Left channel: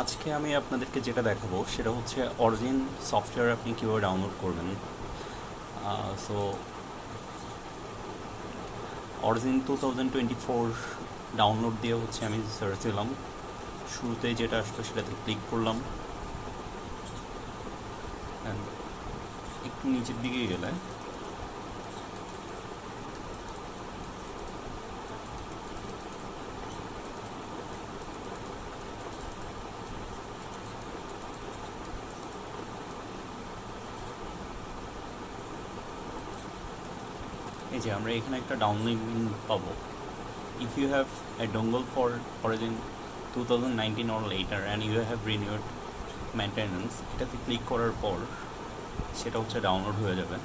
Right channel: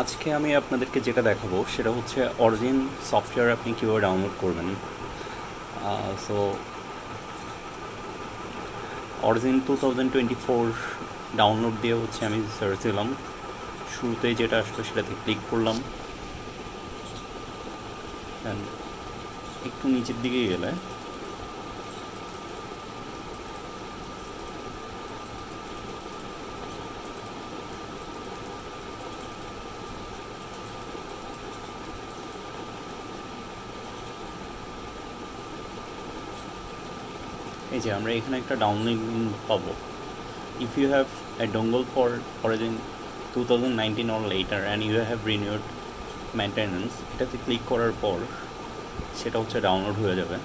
আজকে আমি আপনাদেরকে যেটা দেখাবো সেটা হচ্ছে অরিজিন সফটওয়্যার আপনি কীভাবে ডাউনলোড করবেন। সো অরিজিন 2024 ডাউনলোড দিয়ে হচ্ছে আমি সার্চ দিলাম, শুরুতেই যেটা আসলো সেটাতে ক্লিক করলাম। অ্যান্ড একটু নিচের দিকে গেলে এই যে আমরা এখানে একটা ডাউনলোড পাবো। If you have a dongle for Origin 2019 or later and you have renewed maintenance, এটাতে ক্লিক করার পর সেটা হচ্ছে ডাউনলোড হয়ে যাবে।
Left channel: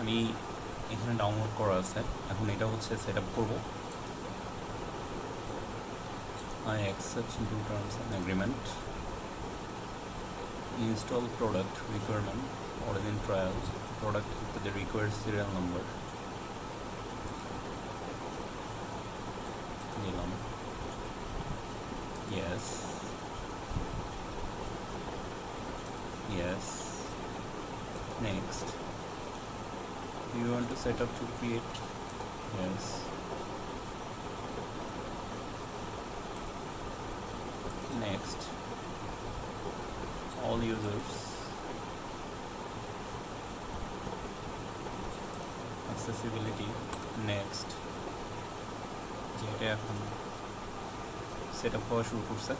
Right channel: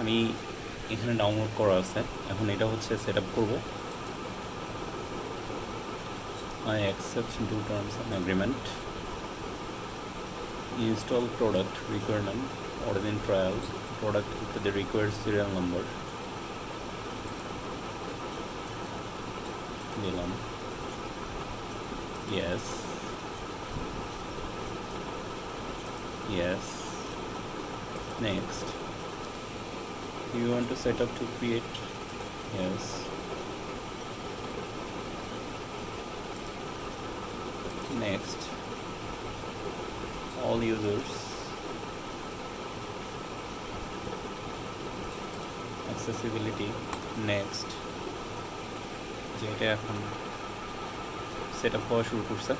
আমি এখানে ডাউনলোড করা আছে, এখন এটা হচ্ছে সেট আপ করবো। I accept do terms and agreement, install product requirement, origin trial, product with the required serial number দিলাম, yes yes, next. You want to set up to create, yes, next. All users, accessibility, next. যেটা এখন set up হওয়া শুরু করছে।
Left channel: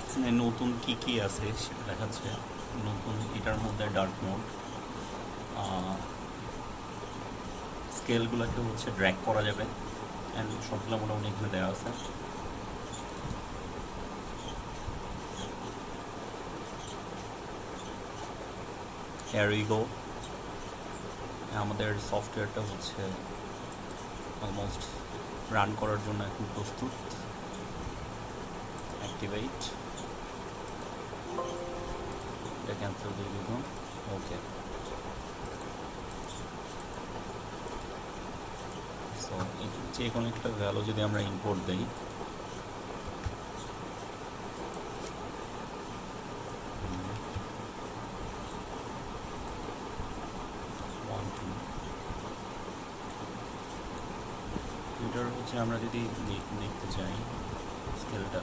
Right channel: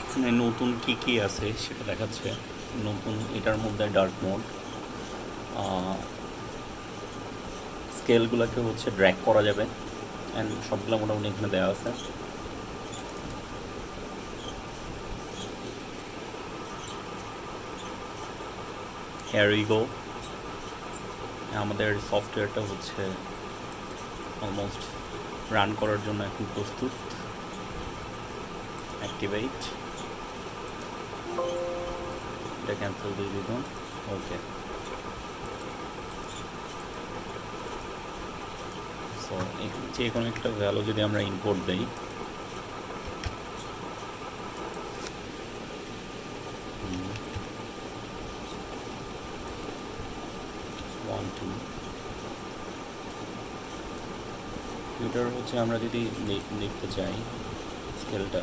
এখানে নতুন কি কি আছে সেটা দেখাচ্ছে। নতুন এটার মধ্যে ডার্ক মোড, স্কেলগুলোকে হচ্ছে ড্র্যাগ করা যাবে, অ্যান্ড সবগুলো মোটামুটি এখানে দেওয়া আছে। হিয়ার উই গো, আমাদের সফটওয়্যারটা হচ্ছে অলমোস্ট রান করার জন্য এখন প্রস্তুত। অ্যাক্টিভেট, এটা ক্যান্সেল দিয়ে দিলাম, ওকে। সো যে কোনো একটা ভ্যালু যদি আমরা ইম্পোর্ট দিই, এটার হচ্ছে আমরা যদি দেখতে চাই স্কেলটা,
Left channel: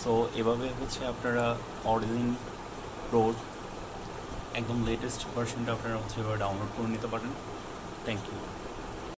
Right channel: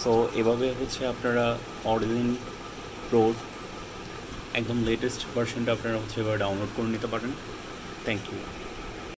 সো এভাবে হচ্ছে আপনারা অরিজিন প্রোর একদম লেটেস্ট ভার্সনটা আপনারা হচ্ছে এবার ডাউনলোড করে নিতে পারেন। Thank you.